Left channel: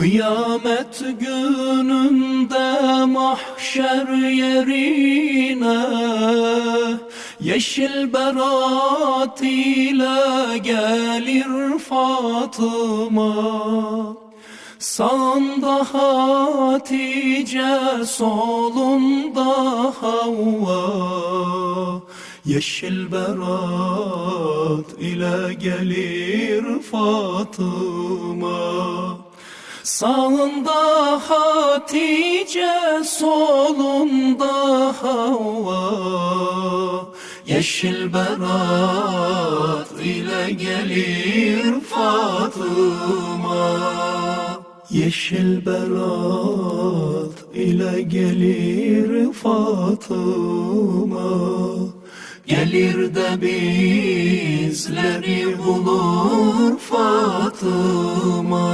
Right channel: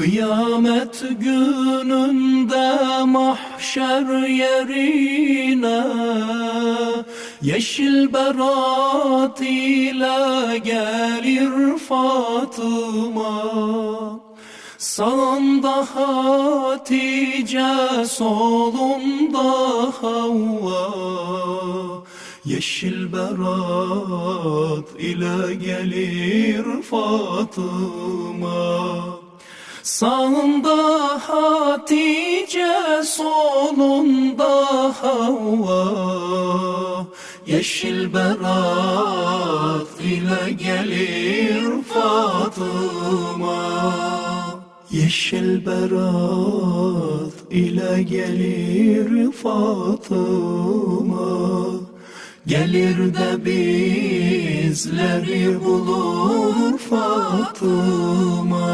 Kıyamet gününde mahşer yerine yeşil berat ile gelir Fatıma. Sağında Hatice, solunda Havva, yeşil berat ile gelir Fatıma. Sağında Hatice, solunda Havva, yeşil berat ile gelir Fatıma. Yeşil berat ile gelir Fatıma. Gelir de bizleri bulur Fatıma.